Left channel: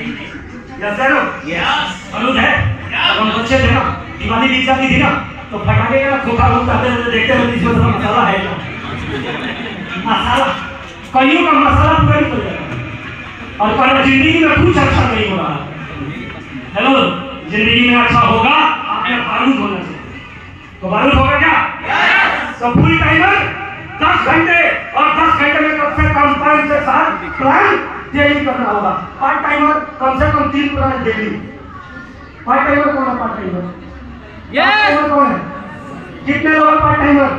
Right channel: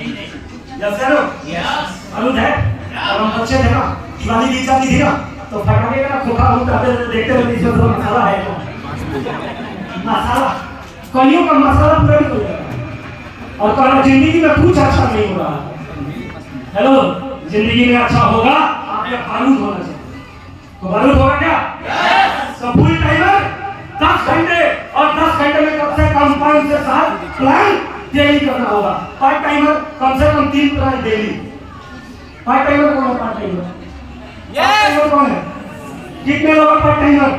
Yes sir अनुज है। अब हम बच्चे थे ना, दिवाली बीत जाती थी ना, तो फटाके का खोखा होता देखते हुए इसमें थोड़ा मसाला है क्या, मसाला कईयों का मसाला पूरा नहीं हो जाएगा। और कहना जिंदगी में कुछ अच्छा नहीं हो रहा है। हेलो, जिंदगी में अच्छा होगा आपने बारूद होना चाहिए। तो बारूद होगा क्या? तो फुल टाइमर 10 घंटे, और 10 घंटे में कम से कम 5 से 7 प्लान डेली करना होगा। पार्ट टाइमर कम से कम 3 प्लान डेली। पार्ट टाइमर कौन है? पार्ट टाइमर कौन है? कितने लोग हैं पार्ट टाइमर?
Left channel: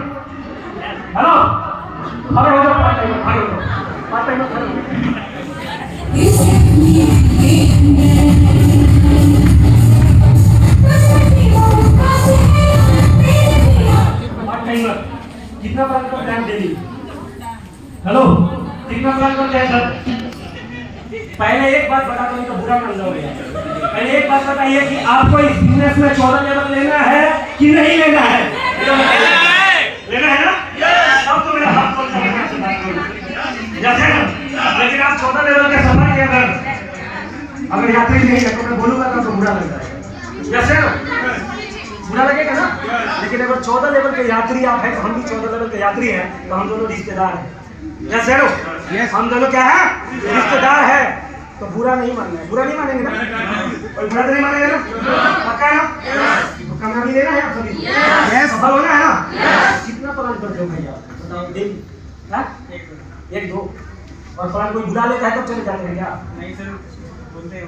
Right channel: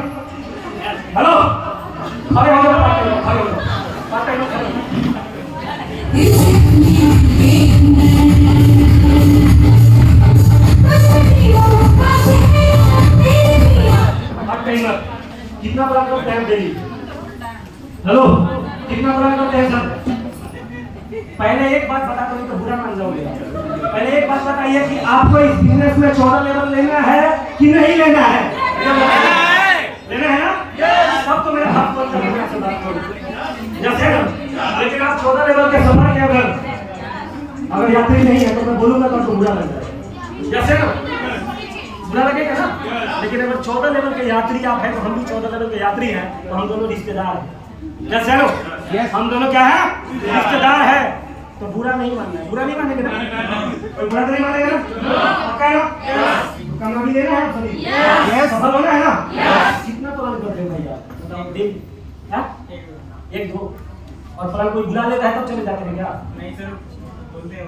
हेलो, खड़े हो जाओ। पार्ट टाइमर खड़े हो जाओ। पार्ट टाइमर खड़े हो जाओ। कितना प्लान करते हैं डेली? हेलो, कितना प्लान करते हैं सर? पहले एक बात बता दूं तो बुरा मान जाओगे। पहले एक बात बताइए कि आपको इस बिजनेस में 14 लेवल लेना है कि नहीं लेना है? लेना है ना? तब तो मेरा हाथ खोल के से बात करो। जैसे लेकिन आप 14 लेवल के सफर के अगर यात्री नहीं है तो मैं बोलूंगा तब तो बुरा लग जाएगा। जैसे बुरा लगेगा ना, लेकिन अगर 14 लेवल के यात्री आप हैं तो हम भी 14 लेवल के यात्री हैं, तो हम दोनों रिश्तेदार हैं। जैसे हम दोनों क्या है? रिश्तेदार है। तो बुरा नहीं मानना है। बुरा नहीं मानेंगे ना? कोई बुरा तो नहीं मानेगा ना? पक्का है ना? तो कामयाबी लेना है आप सभी, सफल होना है ना? कितना प्लान करते हो भैया बताओ? क्या 1 2 और प्लान कोई बुला लेता है तब चले जाते हैं क्या? नहीं सर, बोलते हैं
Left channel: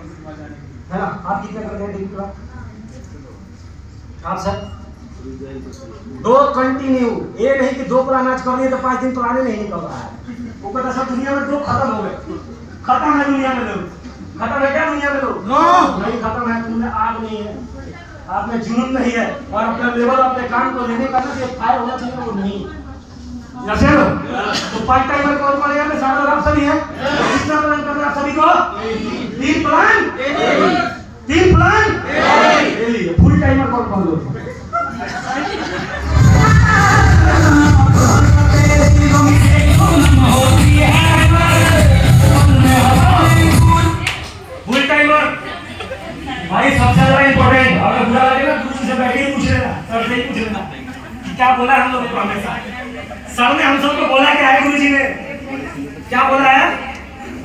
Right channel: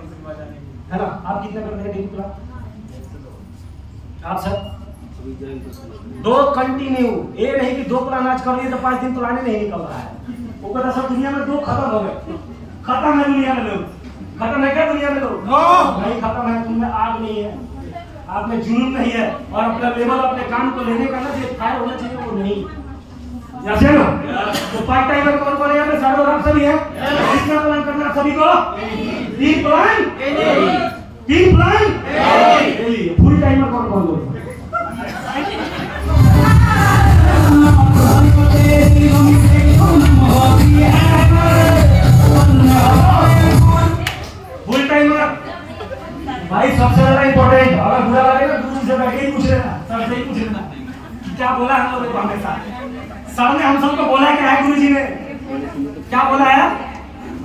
है ना? आप कितने करते हैं दिन प्लान? आप सर 2 कंटिन्यू। ये नहीं कि 2 प्लान आज कर लिए तो 5 दिन पुराने नहीं निकल रहा है। वो पता सब दुनिया में 2 खत्म हो गए। खत्म है दुनिया में लोग। खत्म है क्या दुनिया में लोग? नहीं खत्म है। तुमने आग नहीं है, आप में जुनून नहीं है, और अपना लेवल अपने काम को लेने का ना फायर होना चाहिए, वो नहीं। जैसे लो तो पार्ट टाइमर कौन कौन है यहाँ पे? सारे लोग आप सभी हैं। कितना प्लान करना है सभी को? 3 plan. 3 plan daily. Full timer कौन कौन लोग? फुल टाइमर भाई सबसे ज्यादा इंपॉर्टेंट। अगर बुरा लगेगा तो से बैठे ही पूछ लेना, सर से ही पूछ लेना कि क्या बोला हम लोगों को। हमेशा सर ने हम सबको बोला क्या है? गुरुजी ने क्या बोला है?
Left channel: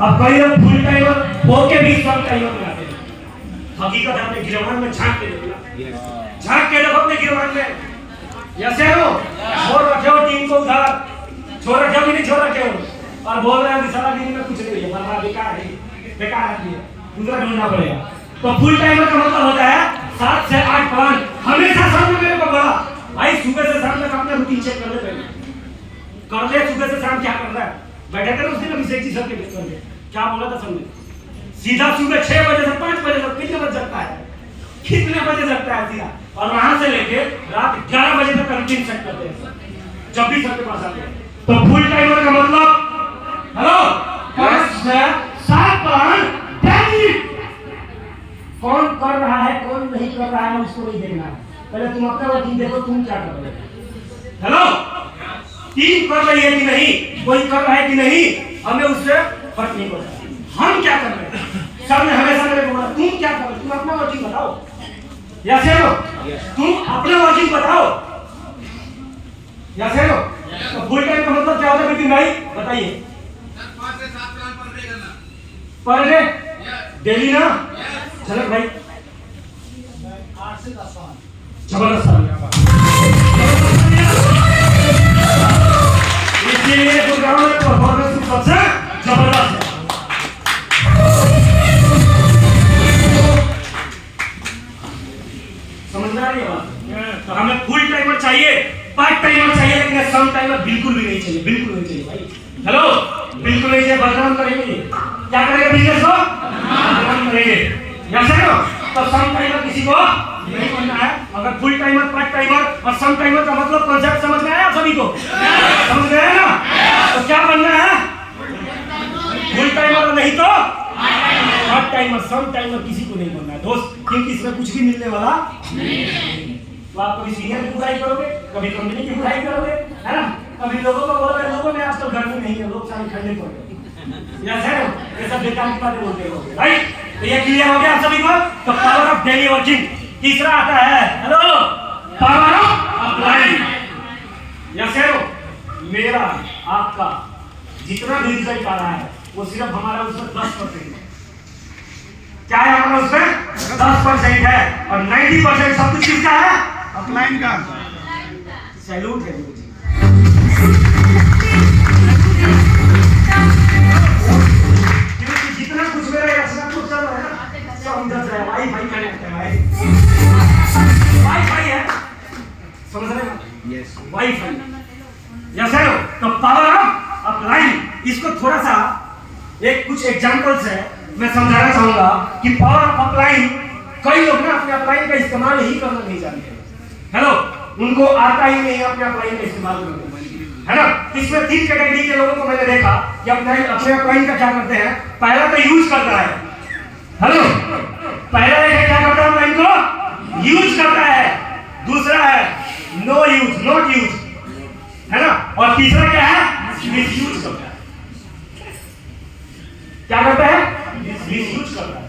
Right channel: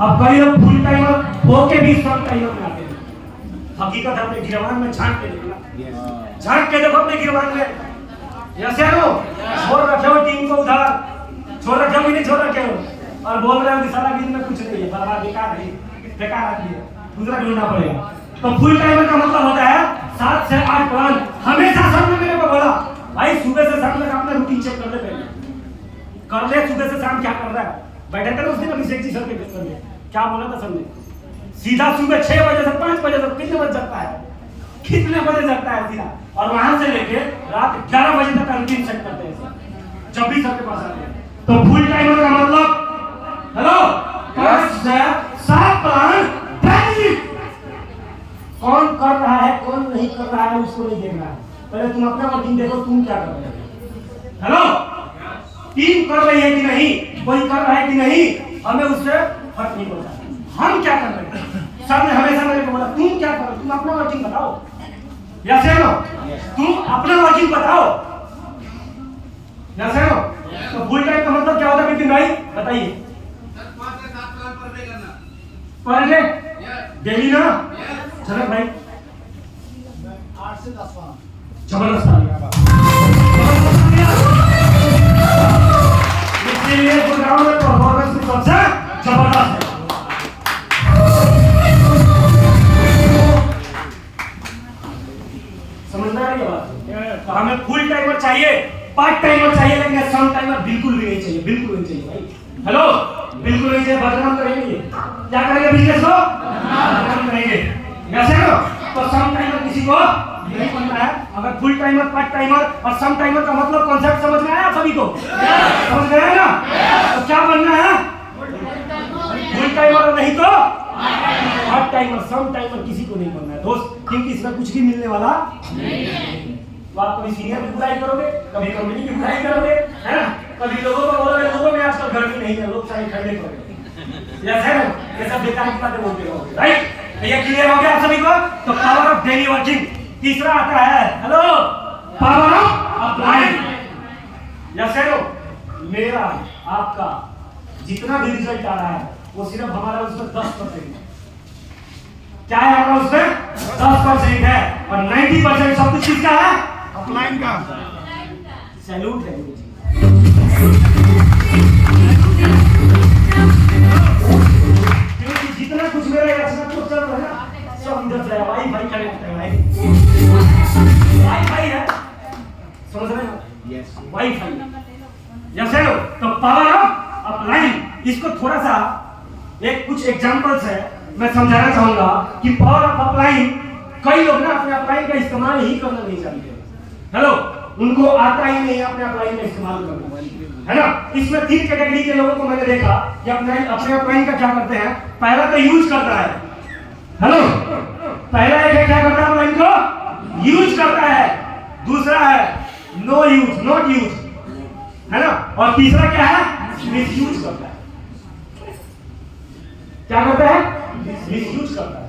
अब कई लोग फुल टाइमर होके भी सब टाइमर बनाते हैं। हकीकत है अपने गिरवान में झांक के देखो, झांक के देखो अपने गिरवान में। जैसे हो छोड़ रखे हो टीम को उधर, छोड़ रखे हो कि नहीं छोड़ रखे हो, और बोल रहे हैं कि सारा दिन में कुछ नहीं है, बर्बाद बेकार है, बेकार है, दूसरा ढूंढना पड़ेगा। तो फुल टाइमर का मतलब होता है 7 से 8 प्लान। हमेशा सर ने मेरे को बोला भाई सुबह से शाम तक अपना रूटीन चेक कर ले, कर ले सुबह से शाम क्या कर रहा है। बैठे थे ना उस दिन अभिषेक जी सर के पेपर में, क्या बोला था सबने? सीधा सुबह 6 बजे से 5 बजे तक कितने बजे जगता है? कितने बजे जगता है सीधा? और वहां से लेके रात 11 बजे तक रूटीन चेक करते हैं जब भी सबके पास आते हैं। तो फुल टाइमर का मतलब हेलो 5 से 7 प्लान डेली। कौन कर रहा है कौन नहीं कर रहा है उसको नहीं देखना है, पहले तुम अपना वर्किंग देखो, तुम क्या कर रहे हो। हेलो, टीम कर रही है कि नहीं, कोई कर रहा है कि नहीं, हमें उससे फर्क नहीं पड़ता। हम क्या कर रहे हैं? सर ने हमेशा मेरे को बोला तुम क्या करो, तुम अपना वर्किंग बताओ। यस है नो, तुम अपना वर्किंग बताओ। यस है नो। तो फुल टाइम का मतलब क्या होता है विपिन भाई बताइए? 5 से 7 प्लान पर डे करना। पर डे डेली ना? चलो भाई 8 से 10 प्लान। जबरदस्त। इसलिए गुड़गांव में परफॉर्मेंस सबसे जबरदस्त है। समझ आ रही है बात? तो हमें फुल टाइमर चाहिए, पार्ट टाइमर चाहिए, लेकिन सम टाइमर बिल्कुल भी नहीं चाहिए, बिल्कुल नहीं चाहिए भाई। हेलो, बिल्कुल नहीं चाहिए। बदनाम करेंगे, क्या करेंगे बिजनेस को? बदनाम करेंगे। यस है ना? तो सम टाइमर किसी को नहीं बनना है। अगर फुल टाइमर, पार्ट टाइमर और सम टाइमर का मतलब कॉन्सेप्ट समझ में आया सभी को? समझ में आया ना? तो क्या बनना है? फुल टाइमर नहीं तो पार्ट टाइमर, सम टाइमर किसी को नहीं बनना है दोस्त, क्योंकि इसमें कुछ भी मिलने वाला नहीं। तो आप कभी सीनियर की बुराई करोगे, कभी कंपनी की बुराई करोगे, है ना? कभी लोगों को बोलोगे लोगों में आजकल गर्मी नहीं है, लोग सारे ठंडे पड़ गए। यस है ना? ये सब बेकार की बातें बोलते रहोगे, राइट? ये क्लियर हो गया आप सभी को? तो पावर ऑफ डेली वर्किंग। तीसरा आता है hello power of applying. Yes है मेरा आपका जितना भी रिजल्ट आ रहा है वो सिर्फ हमारा उसमें 10% है। क्या है हमारा उसमें 10% है और 90% सब कुछ किसका है? अपलाइन का। सैल्यूट है मुझे। क्योंकि जितना कुछ मेरा इसमें कुछ चल रहा है ना सब इधर से वाईफाई कनेक्ट है भाई। वाईफाई है समझ रहे हैं? Yes wifi. जैसे तो पावर ऑफ अप्लाइंग इसको थोड़ा सा एक कुछ एग्जांपल्स है मैं समझाना चाहूंगा कि पावर ऑफ अप्लाइंग कई लोग ना अपने अप्लाइंग का इस्तेमाल ही करना नहीं जानते। हेलो उनको आता ही नहीं अपने अप्लाइंग का इस्तेमाल करना, है ना? इसमें 3 कैटेगरी के लोगों को मैंने देखा कि अपने अप्लाइंग का क्या करते हैं। पहला तो यूज करता है। हेलो पहला एक क्या करता है अप्लाइंग को यूज करता है। दूसरा है नो यूज नॉट यूज, है ना? और तीसरा क्या है मिस यूज करता है। क्या करता है? मिस यूज करता है।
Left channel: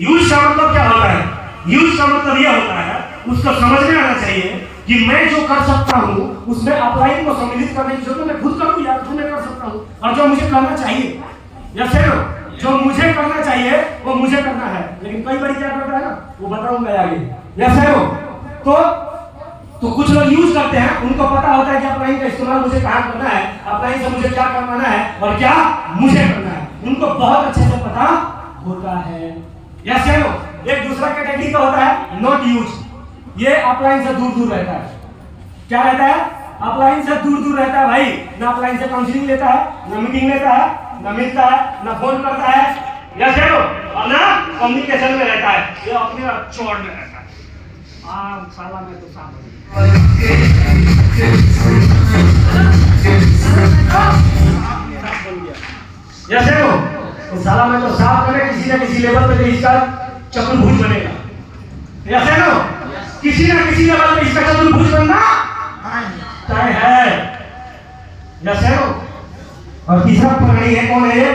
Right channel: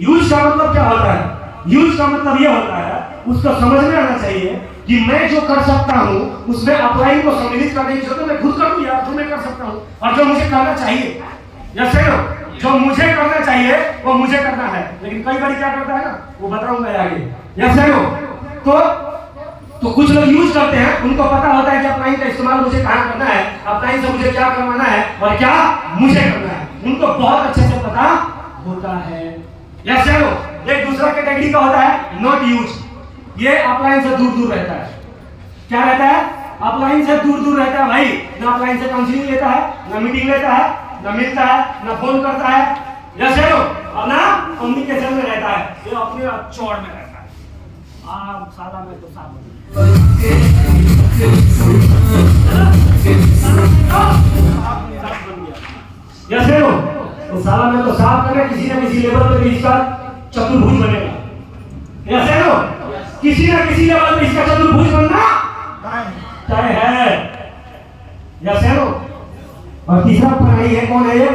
यूज का मतलब क्या होता है? यूज का मतलब यह होता है उसको समझ में आना चाहिए कि मैं जो कर सकता हूं उसमें अप्लाइंग को सम्मिलित करने की जरूरत मैं खुद करूं या जो मैं कर सकता हूं और जो मुझे करना चाहिए या जो मुझे करना चाहिए वो मुझे करना है। लेकिन कई बार क्या करता है ना वो बताऊंगा आगे। या तो कुछ लोग यूज करते हैं उनको पता होता है कि अप्लाइंग का इस्तेमाल मुझे कहां करना है, अप्लाइंग से मुझे क्या करवाना है और क्या मुझे करना है उनको बहुत अच्छे से पता होता है। या एक दूसरा कैटेगरी का होता है नॉट यूज। ये अप्लाइंग से दूर दूर रहता है। क्या रहता है? अप्लाइंग से दूर दूर रहता है भाई। ना अप्लाइंग से काउंसलिंग लेता है, ना मीटिंग लेता है, ना मिलता है, ना फोन करता है, या और ना कम्युनिकेशन में रहता है। ये अपने चौड़ में रहता है। साला में तो साफ हो जैसे तो साला में तो साफ करे किसी ना किसी लेवल पे इसका चतुर्भुज बनेगा। ऐसे नो किसी ना किसी लेवल पे इसका चतुर्भुज बनना तय है। जैसे नो और तीसरा प्रणाली है कौन है?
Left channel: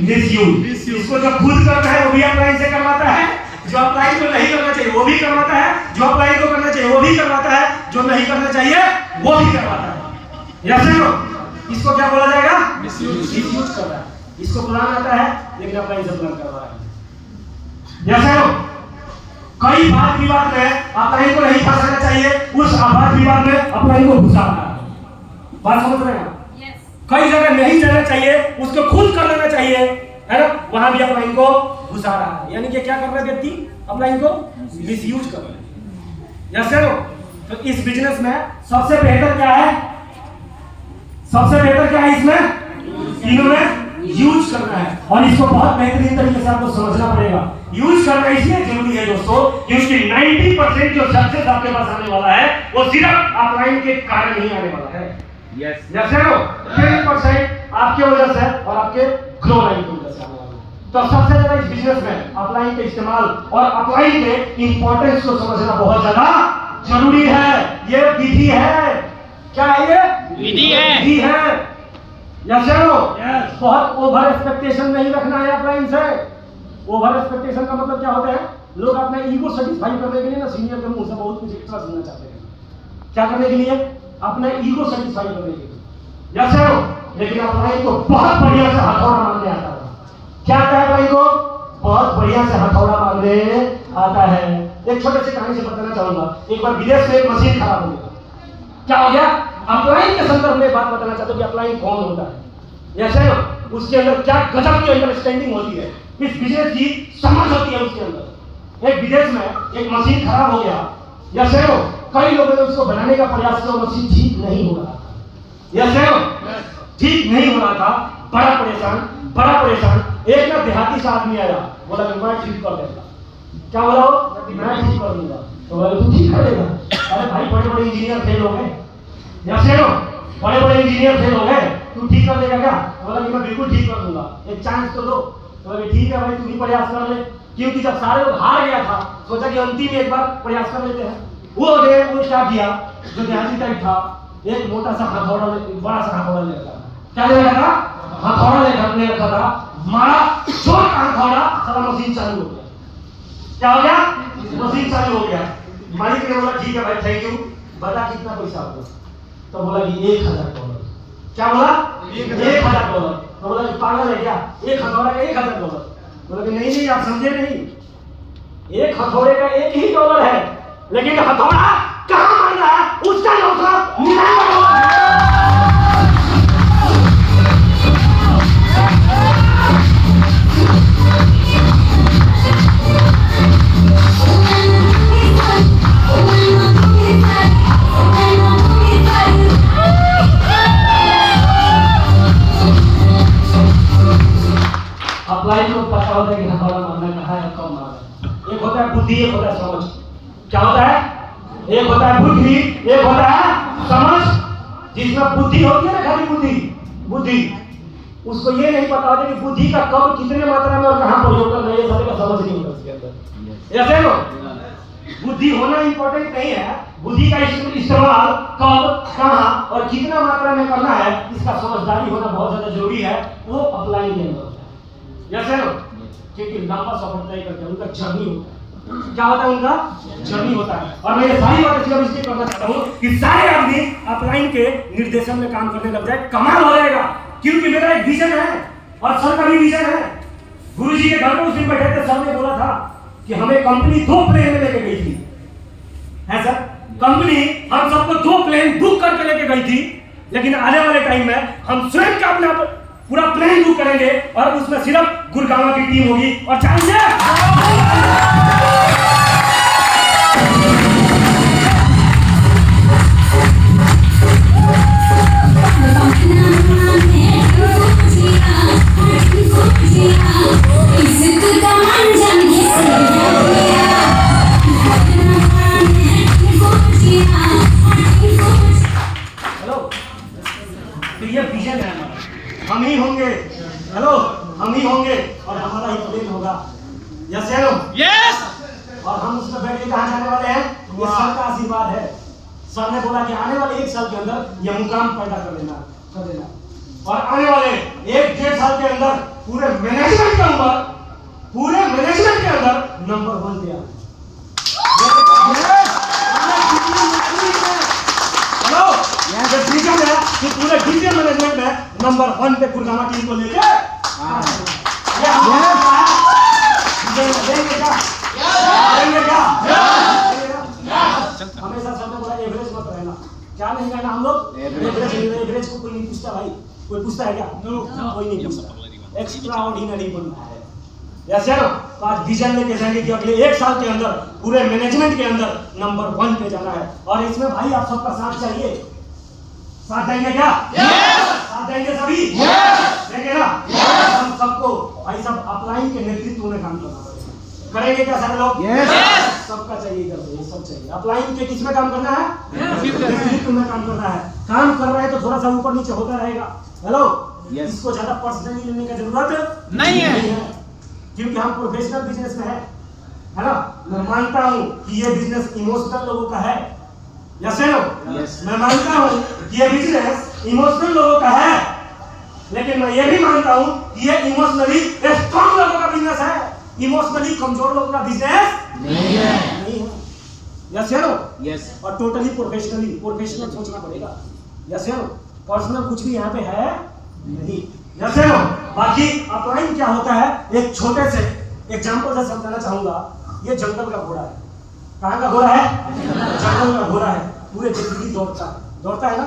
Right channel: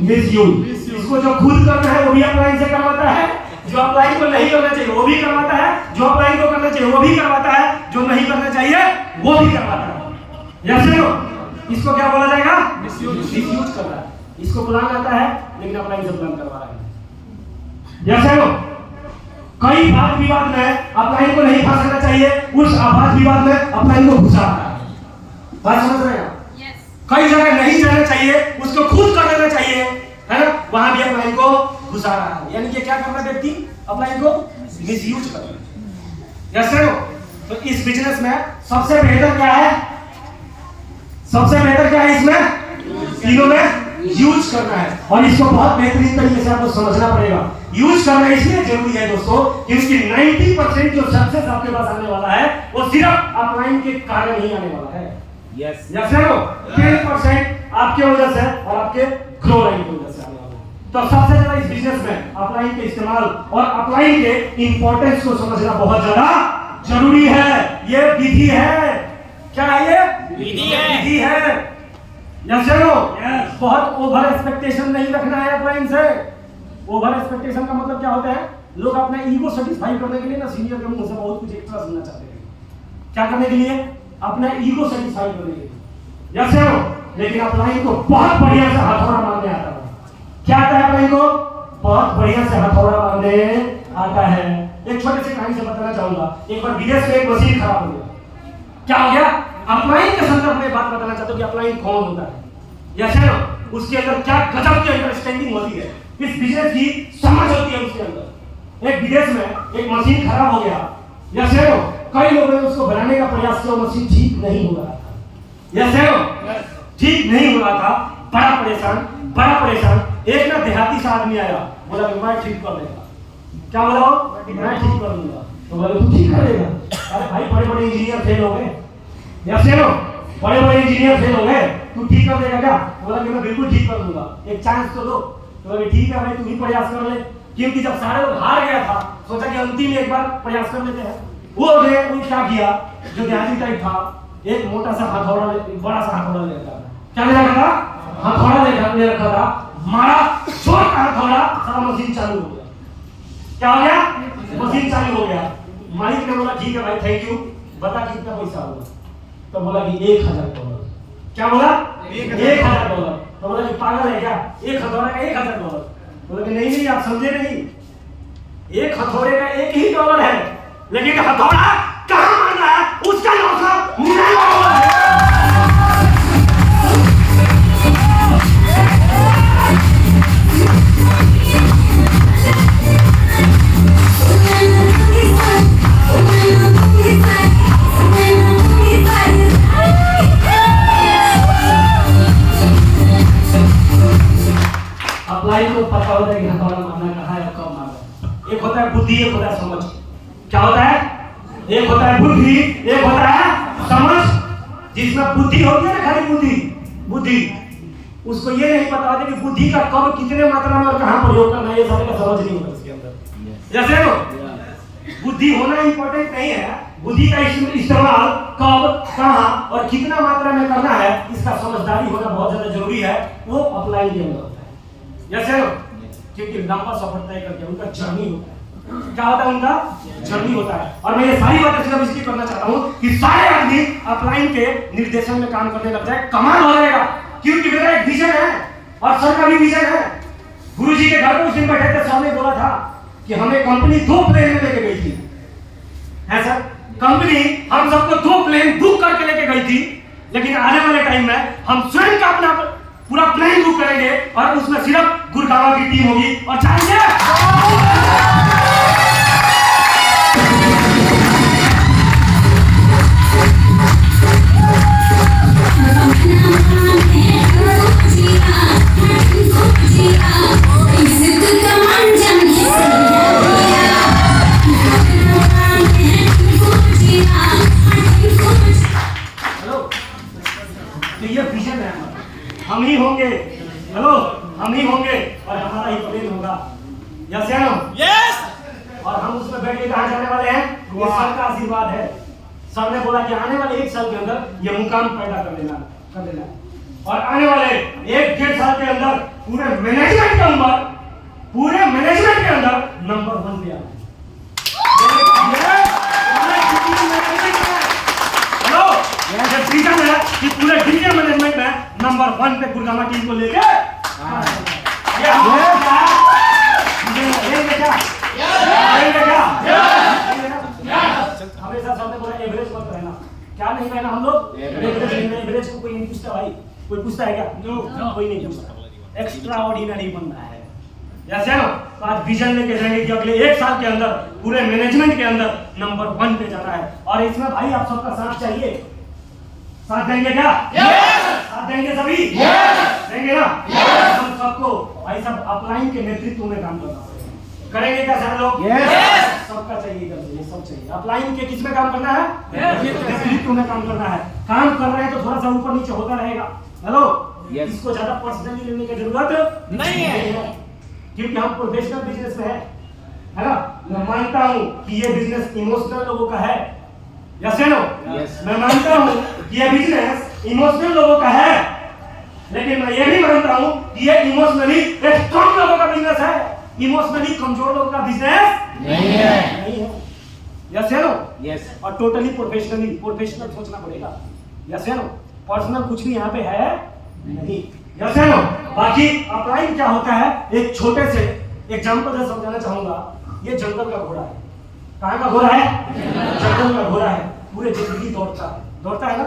मिसयूज। इसको जो खुद करना है वो भी अप्लाइंग से करवाता है, जो अप्लाइंग को नहीं करना चाहिए वो भी करवाता है, जो अप्लाइंग को करना चाहिए वो भी करवाता है, जो नहीं करना चाहिए वो भी करवाता है। जैसे नो इसको क्या बोला जाएगा? मिसयूज करना है। इसको प्लान आता है लेकिन अप्लाइंग से प्लान करवा रहा है। जैसे नो कई वाद विवाद में अप्लाइंग को नहीं फंसाना चाहिए, उस वाद विवाद में अप्लाइंग को घुसा रहा है। बात समझ रहे हैं? कई जगह नहीं जाना चाहिए उसको खुद कर लेना चाहिए, है ना? वहां भी अप्लाइंग को घुसा रहा है। यानी कि क्या कर रहा है व्यक्ति? अप्लाइंग को मिसयूज कर रहा है। जैसे नो तो इस बिजनेस में सबसे बेहतर क्या है? सबसे बेहतर क्या है इसमें? तीनों में यूज करना है और इसको बहुत बेहतरीन तरीके से आपको समझना पड़ेगा। यूज करना इसलिए जरूरी है दोस्तों क्योंकि 90% जो सक्सेस आपके पास आने वाला है वो सिर्फ अप्लाइंग के कारण ही आने वाला है। यस जैसे नो 10% आपके वजह से और आपके ग्रो लाइन की वजह से आने वाला है। तो सबसे ज्यादा इस बिजनेस में अप्लाइंग के इस्तेमाल और अप्लाइंग के इंपॉर्टेंस को समझना बहुत ज्यादा जरूरी है। ये विधि है। क्या है ये? विधि है। बहुत ओवर एक्सपेक्टेशन नहीं रखना है अप्लाइंग से। ओवर एक्सपेक्टेशन का मतलब क्या होता है? लोग अपना ईगो सेटिस्फाई करने के लिए ना सीनियर के मुंह से बहुत कुछ एक्स्ट्रा सुनना चाहते हैं। क्या करने के लिए? अपना ईगो सेटिस्फाई करने के लिए। लेकिन अप्लाइंग को बहुत बढ़िया से हथौड़ा मारने आता है। क्या आता है अप्लाइंग को? बहुत बढ़िया से हथौड़ा मारने आता है। एक छोटे से कहानी से बताना चाहूंगा। एक बार विदेश में एक मशीन खराब हो गया। क्या हो गया? अप्लाइंग के संदर्भ में बात बताना चाहते हो कि अप्लाइंग कौन होता है या उसके अंदर क्या गजब की अंडरस्टैंडिंग होती है, इस बिजनेस की समझ होती है उसके अंदर। एक विदेश में एक मशीन खराब हो गया या कई लोगों ने उसको बनाने का प्रयास किया, मशीन ठीक नहीं हो रहा था या ठीक नहीं हो रहा था। बड़ा परेशान एक ना देहाती से आदमी आया, बोला कि मैं ठीक कर देगा। क्या बोला? मैं ठीक कर दूंगा। तो बोले तू ठीक कर देगा? अरे भाई बड़े बड़े इंजीनियर फेल हो गए या बड़े बड़े इंजीनियर फेल हो गए, तू ठीक कर देगा क्या? बोला कि मैं बिल्कुल ठीक कर दूंगा, एक चांस तो दो। तो बोले ठीक है भाई तू भी प्रयास कर ले। क्योंकि जब सारे लोग हार गया था सोचा कि अंतिम एक बार प्रयास कर लेते हैं। वो क्या किया, जो ध्यान टाइप था एक मोटा सा हथौड़ा, बड़ा सा हथौड़ा ले रखा था। क्या ले रखा था? हथौड़ा ले रखा था। मारा, जोर का थोड़ा, सारा मशीन चालू हो गया। क्या हो गया? मशीन चालू हो गया। मालिक ने बोला ठीक है भाई, थैंक यू, बता कितना पैसा होगा? तो बोला कि $1000। क्या बोला? $1000। तो बोला कि पागल है क्या, एक हथौड़े का $1000? बोला कि नहीं, आप समझे नहीं, एक हथौड़े का $1 ही है, लेकिन हथौड़ा कहाँ मार रहा है उसका $999 है। अपलाइन को पता होता है कि हथौड़ा मारना कहाँ है, कब मारना। एक होता है बुद्धि, एक होता है समझ। क्या होता है? एक होता है बुद्धि, एक होता है समझ। जिसमें बुद्धि होती है ना, खाली बुद्धि, उसको ये नहीं पता होता कि बुद्धि का कब, कितने मात्रा में और कहाँ प्रयोग करना है, ये सारे का समझ नहीं होता उसके अंदर। जैसे नो बुद्धि होना इंपॉर्टेंट नहीं है, बुद्धि का इस्तेमाल कब, कहाँ और कितना मात्रा में करना है, इसका समझदारी होना बहुत ज्यादा जरूरी है। वो अपलाइन के अंदर होता है। जैसे नो क्योंकि लंबा सफर तय करके उनका जर्नी होता है। क्या होता है? उनका जर्नी होता है। और मैं ये सारी बातें सिर्फ इसलिए करना चाहता हूँ कि सारे आदमी अपलाइन के निर्देशन में काम करने लग जाए, कमाल हो जाएगा। क्योंकि मेरा एक विजन है और सर का भी विजन है। गुरुजी के घर में उस दिन बैठे थे, सबने बोला था कि हमें कंपनी 2 प्लेन में लेके गई थी, है सर। कंपनी हम सबको 2 प्लेन बुक करके लेके गई थी, लेकिन आने वाले टाइम में हम स्वयं का अपना पूरा प्लेन बुक करेंगे और उसमें सिर्फ गुड़गांव की टीम होगी। और चाहिए हम ही होंगे, हेलो, हम ही होंगे और हमारा ही प्लेन होगा। यस या नो? यस। और हम उसमें बैठ के कहाँ जाने वाले हैं? ये सर का आशीर्वाद है। सर ने बोला कि आने वाले 1 साल के अंदर ये मुकाम पैदा कर लेना और आने वाले 1-1.5 साल के अंदर पूरे मैनेजमेंट के अंदर नंबर 1 पे आ। ये विजन है कि पूरे डिजिटल मैनेजमेंट में नंबर 1 पे गुड़गांव टीम को लेके ये हमेशा सबने बोला एवरेज मत रहना। क्या नहीं रहना हम लोग? एवरेज को कोई नहीं पूछता भाई। कोई पूछता है क्या? कोई नहीं पूछता। एक्स्ट्रा ऑर्डिनरी बनना है। जैसे ना आज विजन लेके जाएंगे कि अगले 1 साल के अंदर पूरे मैनेजमेंट के अंदर नंबर 1 पे जाना है। और इसमें भाई आप सबका साथ चाहिए। साथ देंगे क्या? साथ देंगे सभी? देंगे ना? हम सबको भाई सब अपलाइन के नेतृत्व में काम करना पड़ेगा। करेंगे क्या सारे लोग? सबका चाहिए, ये सब चाहिए। अपलाइन के किस में काम करना है? नेतृत्व में काम करना है। काम कर रहे हैं तो थोड़ा सा ऊपर नीचे होता रहेगा। हेलो, इसको ज्यादा पर्सनली लेने की जरूरत नहीं है, क्योंकि हम प्रोफेशनल बिजनेस में है ना। मैं मानता हूँ कि ये बिजनेस इमोशनल लोगों का है। Yes no? मैं मानता हूँ कि ये बिजनेस इमोशनल लोगों का है, लेकिन मैं ये भी मानता हूँ कि ये इमोशनली स्ट्रॉन्ग लोगों का बिजनेस है। इमोशनली कमजोर लोगों का बिजनेस नहीं है। Yes no? और टोटली प्रोफेशनल सोचना पड़ेगा। Yes no? पर्सनल कुछ भी यहाँ पे है नहीं। Yes no? बाकी अपलाइन क्या होता है, एक छोटे से एग्जांपल से समझाना चाहूंगा। ये जंगल का घोड़ा है। कहाँ का घोड़ा है? जंगल का घोड़ा है। पूरे जिंदगी दौड़ता है ना।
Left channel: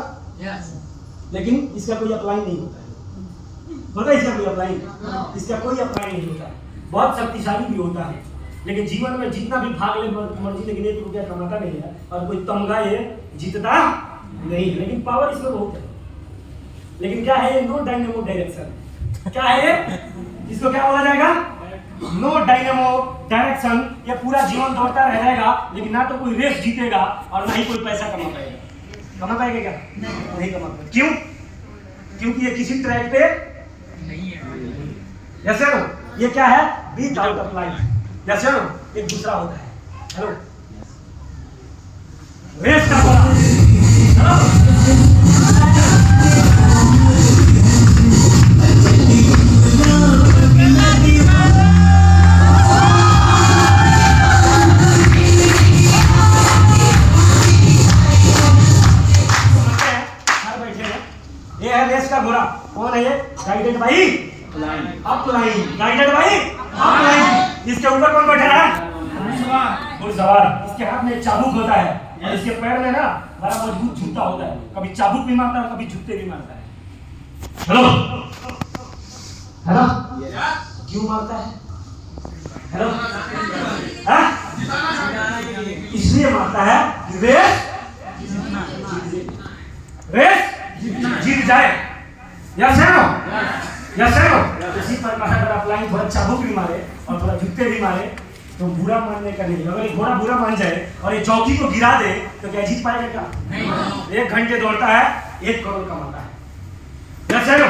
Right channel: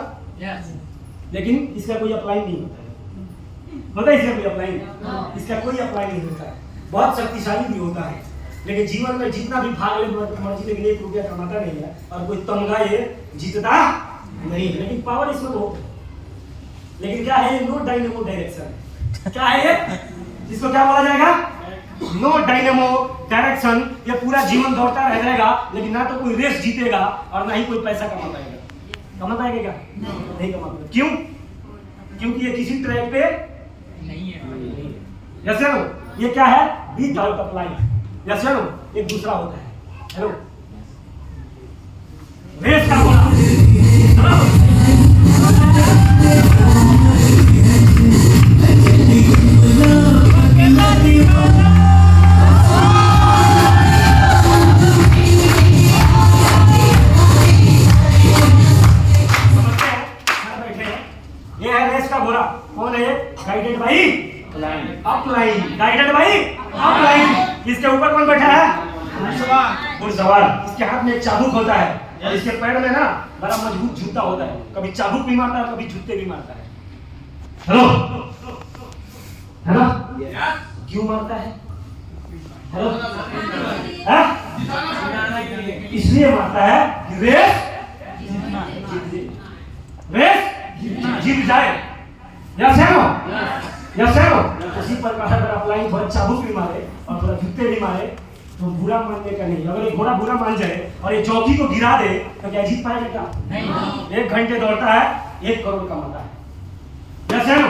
लेकिन इसका कोई अप्लाई नहीं होता है। पता है इसका कोई अप्लाई? इसका कोई अप्लाई नहीं होता है। बहुत शक्तिशाली भी होता है, लेकिन जीवन में जितना भी भाग ले मर्जी, लेकिन 1 रुपया कमाता नहीं है और कोई तमगा ये जीतता नहीं है। लेकिन पावर इसमें बहुत है। लेकिन क्या है? No dynamo direction. क्या है ये? इसको क्या बोला जाएगा? No dynamo direction. ये पूरा जीवन दौड़ता रह जाएगा, लेकिन ना तो कोई रेस जीतेगा और ना ही कोई पैसा कमा पाएगा। क्या? नहीं कमा पाएगा। क्यों? क्योंकि ये किसी ट्रैक पे नहीं है। जैसे नो ये क्या है? Beat out of life. जैसे नो एक दूसरा होता है। हेलो, रेस का हेलो अपलाइन। गाइडेड भाई अपलाइन। इसके ऊपर कौन बैठा है? घुड़सवार। इसके हाथ में एक चाबुक होता है और इसके पैर में ना बड़ा मजबूत जूता होता है। कभी चाबुक भी मारता है, कभी जूते भी मारता है। हेलो हेलो, क्यों मारता है? हेलो, इसलिए मारता है कि रेस जीत जाए। यस है नो? यस है नो? उसी पर अगर अपलाइन थोड़ा चाबुक भी मारे और थोड़ा जूते भी मारे तो बुरा मानने का नहीं। अगर एक घोड़ा बुरा मान जाए और ये चौकी को गिरा दे तो क्या जीत पाएगा? क्या नहीं। 1 घंटे दौड़ता है, 1 करोड़ कमाता है। यस है नो?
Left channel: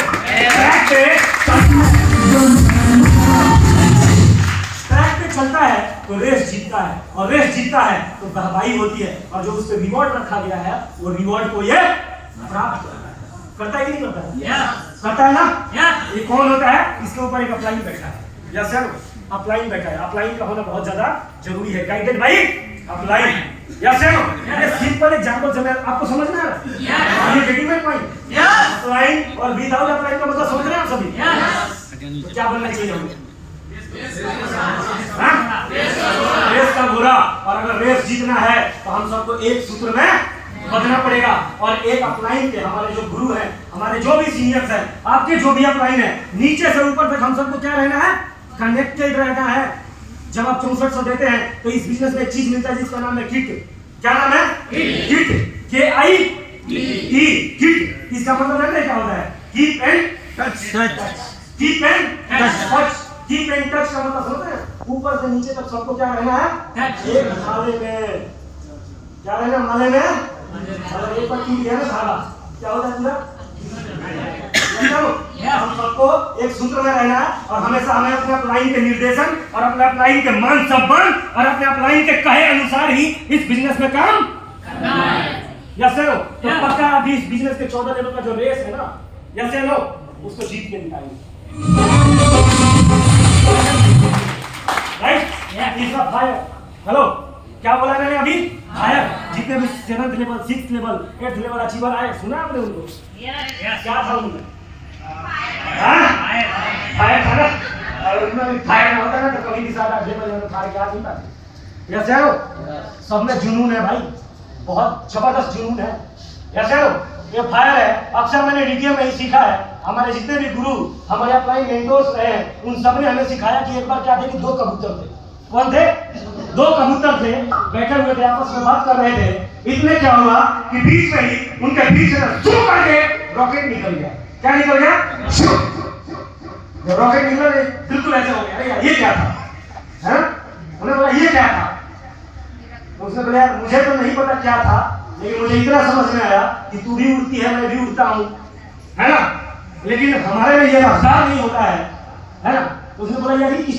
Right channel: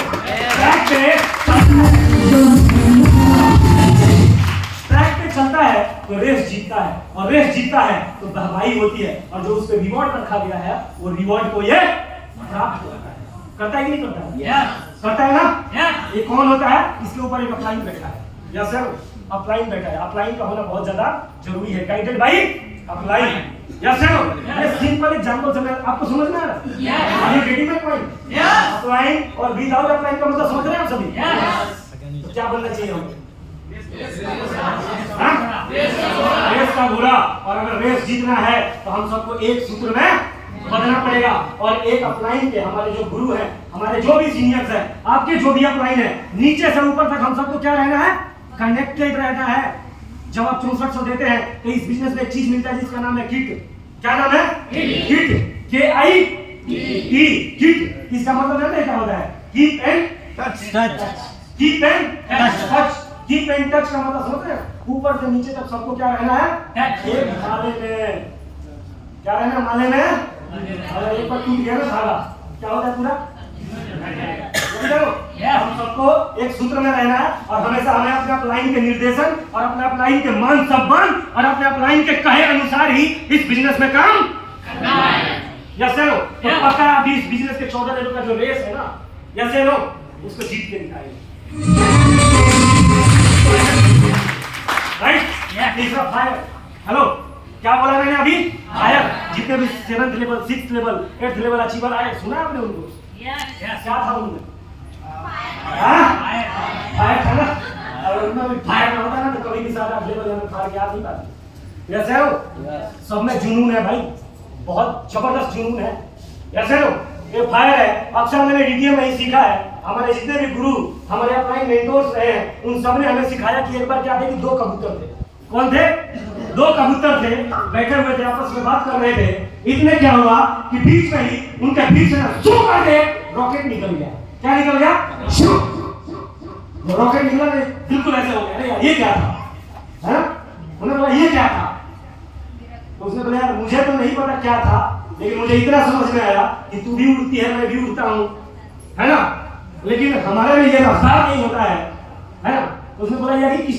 ट्रैक पे चलता है तो रेस जीतता है, और रेस जीतता है तो वाहवाही होती है, और जो उस पे रिवॉर्ड रखा गया है वो रिवॉर्ड को ये प्राप्त करता है कि नहीं करता है? करता है ना? ये कौन होता है? इसके ऊपर एक अपलाइन बैठा है। यस है नो? अपलाइन बैठा है। अपलाइन का होना बहुत ज्यादा जरूरी है। गाइडेड भाई अपलाइन। यस है नो? ये सिंपल एग्जांपल से मैं आपको समझ में आ रहा है? Are you getting my point? Upline और विदाउट अपलाइन का मतलब समझ रहे हैं आप सभी? तो क्या बनना चाहिए हमें? रेस का घोड़ा। और अगर रेस जीतना है तो हम सबको एक सूत्र में बदलना पड़ेगा। और एक अपलाइन के हमारे जो गुरु हैं, हमारे जो भी सीनियर्स हैं, आपके जो भी अपलाइन है, नीचे से ऊपर तक हम सबको क्या रहना है? कनेक्टेड रहना है। जब आप 6400 देते हैं तो इस बिजनेस में एक चीज मिलता है जिसका नाम है किट। क्या नाम है? किट। KIT। किट। इसका मतलब जानते हैं क्या होता है? Keep and touch. Keep and touch. Keep and touch का मतलब समझते हैं? ऊपर से नीचे तक सबको क्या रहना है? एक माले में। क्या रहना? माले में। अगर एक बार टूट गया ना धागा, क्या होता है? पूरा हम सबको एक सूत्र में रहना है, और हमेशा हमें अपने अपलाइन के निर्देशन और अपने अपलाइन के मान सम्मान और अपने अपलाइन के कहे अनुसार ही इस बिजनेस में काम करना है। यस है नो? तो पक्का अभी इस बिजनेस के 14 लेवल का जो रेस है ना, यस है नो, उसको जीत के दिखाएंगे। Right? Is a fire. Hello, क्या बोला मैंने अभी? फायर। जितने भी 7th level, 6th level, 8th level achiever आए, सुना आपने उनको? क्या था उनमें? फायर था ना? और उनमें भी फायर ना होता ना तो कभी भी 7-8 लेवल में फायर के हाथ नहीं पाते। यस है नो? सब में जुनून है भाई, बहुत जबरदस्त जुनून है। यस है नो? ये फायर है। अक्सर मैंने डीटीएम में ही सीखा है। हमारे जितने भी गुरु, हमारे अपलाइन मेंटोर्स रहे हैं, उन सब ने हमें सिखाया कि एक बार क्या थे कि 2 कबूतर थे। कौन थे? 2 कबूतर थे, बैठे हुए थे, आपस में बात कर रहे थे। इतने क्या हुआ कि बीच में ही उनके बीच में शू करके रॉकेट निकल गया। क्या निकल गया? रॉकेट निकला, बिल्कुल ऐसा हो गया। अरे यार ये क्या था? है? उन्होंने बोला ये क्या था? उसने बोला यार मुझे तो नहीं पता क्या था, लेकिन मुझे इतना समझ में आया कि तू भी उड़ती है, मैं भी उड़ता हूँ, है ना? लेकिन हमारे में ये रफ्तार नहीं होता है ना? तो उसने बोला यार ये किस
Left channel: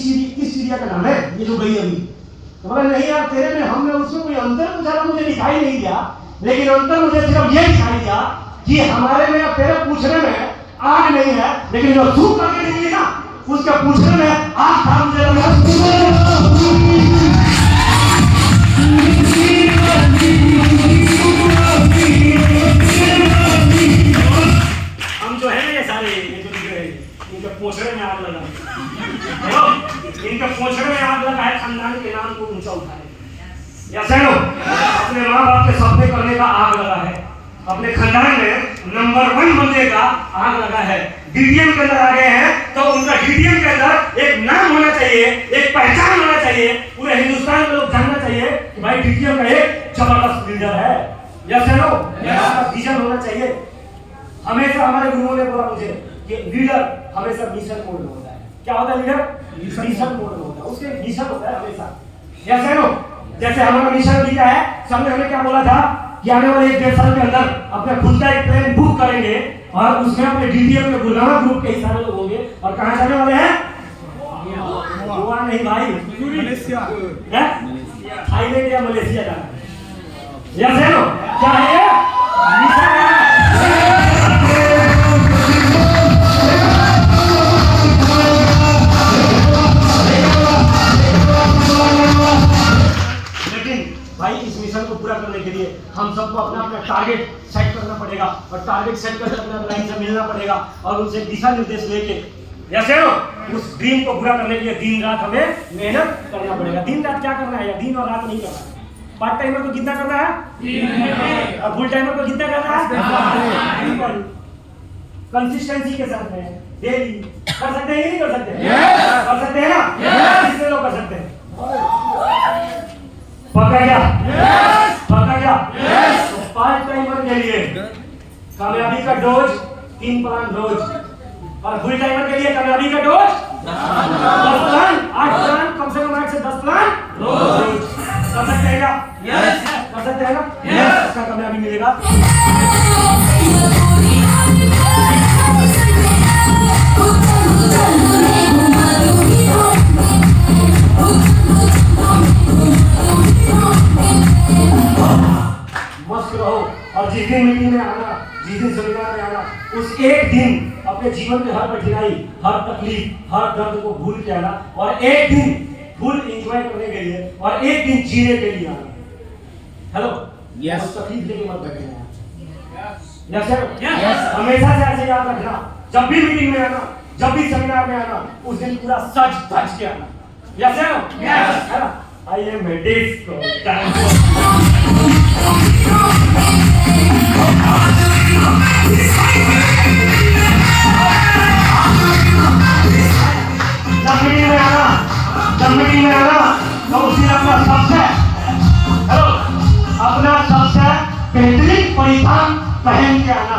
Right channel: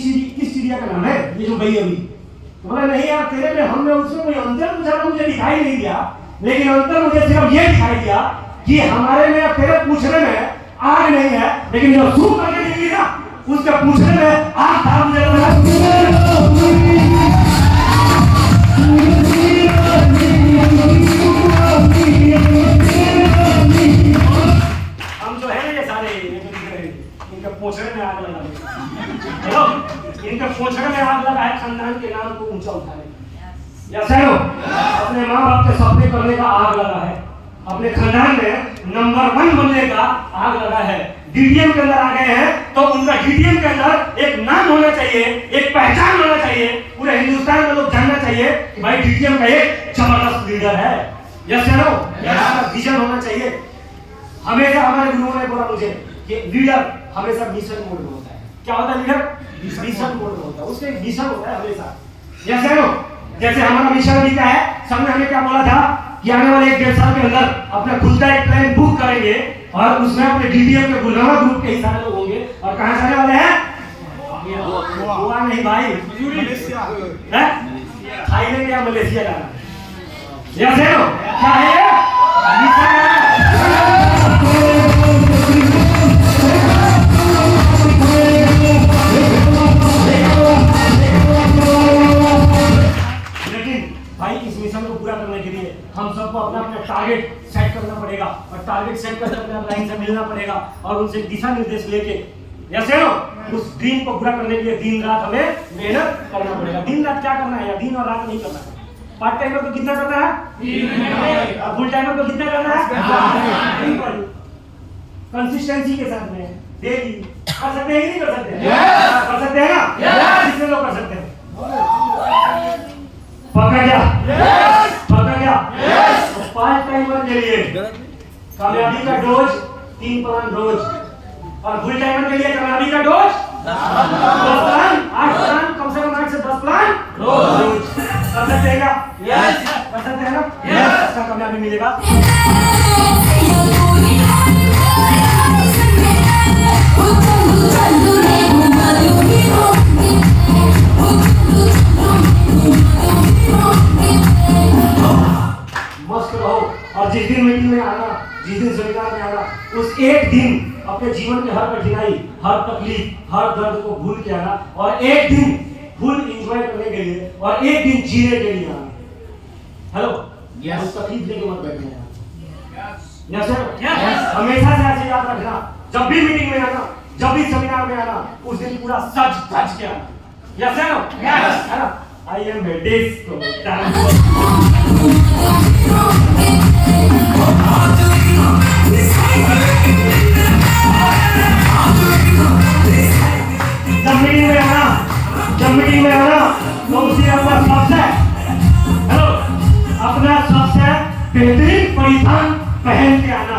चिड़िया का नाम है ये जो गई अभी? तो बोला नहीं यार तेरे में हम में उसमें कोई अंतर पूछा मुझे दिखाई नहीं दिया, लेकिन अंतर मुझे सिर्फ ये दिखाई दिया कि हमारे में या तेरे पूछने में आग नहीं है, लेकिन जो सूख करके निकली ना उसके पूछने में आग था। मुझे हम जो है ना ये सारे ये जो दिख रहे हैं इनके पोछड़े में आग लगा। हेलो, इनके पोछड़े में आग लगा है खानदान के नाम को ऊंचा उठाने। या सैनो अपने माँ बाप के सपने करने का आग लगा है, अपने खानदान में नंबर 1 बनने का आग लगा है। डीटीएम के अंदर आ गए हैं तो उनका डीटीएम के अंदर एक नाम होना चाहिए, एक पहचान होना चाहिए, पूरे हिंदुस्तान में लोग जानना चाहिए कि भाई डीटीएम का एक जबरदस्त लीडर है। यस नो, इसका विजन होना चाहिए। हमेशा हमारे गुरुओं ने बोला मुझे कि लीडर हमेशा मिशन मोड में होता है। क्या होता है लीडर? मिशन मोड में होता है, उसके मिशन होता है हमेशा। यस नो, जैसे हमारा मिशन भी क्या है, सबने हमें क्या बोला था कि आने वाले 1-1.5 साल के अंदर अपना खुद का एक प्लेन बुक करेंगे और उसमें अपने डीटीएम के गुलामा ग्रुप के ही सारे लोग होंगे। और कहां जाने वाले हैं? गोवा नहीं भाई, थाईलैंड या मलेशिया जाना। यस है नो, क्या है ये? मिशन है। भाई इस मिशन को पूरा करने के लिए हम सबको अपना अपना टारगेट सेट करना पड़ेगा और टारगेट सेट करके अपना लाइन से मिलना पड़ेगा और उनसे दिशा निर्देश लेके जैसे नो उस ड्रीम को पूरा करने के लिए दिन रात हमें मेहनत करना पड़ेगा। दिन रात क्या करना है, या दिन और रात नहीं करना है। पार्ट टाइमर को कितना करना है, और फुल टाइमर को कितना करना है, कंसिस्टेंसी के साथ में डेली कर सकते हैं कि नहीं कर सकते? कर सकते हैं ना? कितने लोग कर सकते हैं? पकड़ गया, पकड़ गया। तो पार्ट टाइमर के लिए कामयाबी का डोज 3 प्लान रोज, और फुल टाइमर के लिए कामयाबी का डोज 10 प्लान, 8 प्लान, कम से कम 8 से 10 प्लान रोज। कर सकते हैं क्या? कर सकते हैं ना? अच्छा कामयाबी मिलेगा। मस्त रहो, और जिस दिन मीटिंग में आना, जिस दिन सेमिनार में आना, उस एक दिन अपने जीवन के हर कठिनाई, हर तकलीफ, हर दर्द को भूल के आना, और एक दिन फुल एंजॉय करने के लिए, और एक दिन जीने के लिए आना। हेलो, उस तकलीफ लेके मत बैठना। यस हमेशा से ऐसे याद रखना, जब भी मीटिंग में आना, जब भी सेमिनार में आना, उस दिन पूरा सच धज के आना। यस है ना? I am a disco dancer. जब मीटिंग में आना तो उसी अपना सबसे हेलो अपना सबसे बेहतरीन परिधान पहन के आना।